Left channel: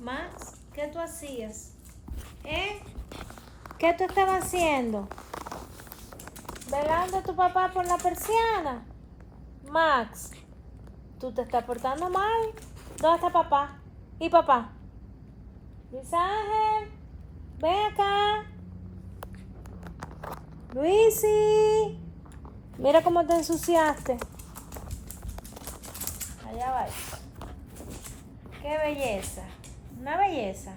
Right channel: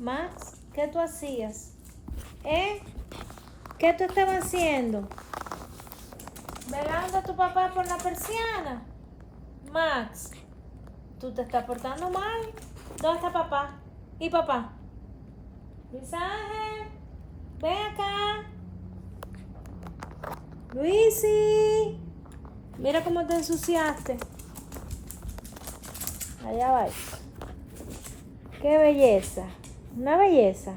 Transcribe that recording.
Max, ¿qué tú hacías? ¿Eh? ¿Qué tú estabas haciendo? ¿Velando a tu papá por la persiana? Max, tú te estás portando mal. ¿Dónde está papá? ¿Y papá? Luis Ángel, ven acá. Luisi, mira cómo te ensuciaste. Allá va. Qué belleza. Una belleza.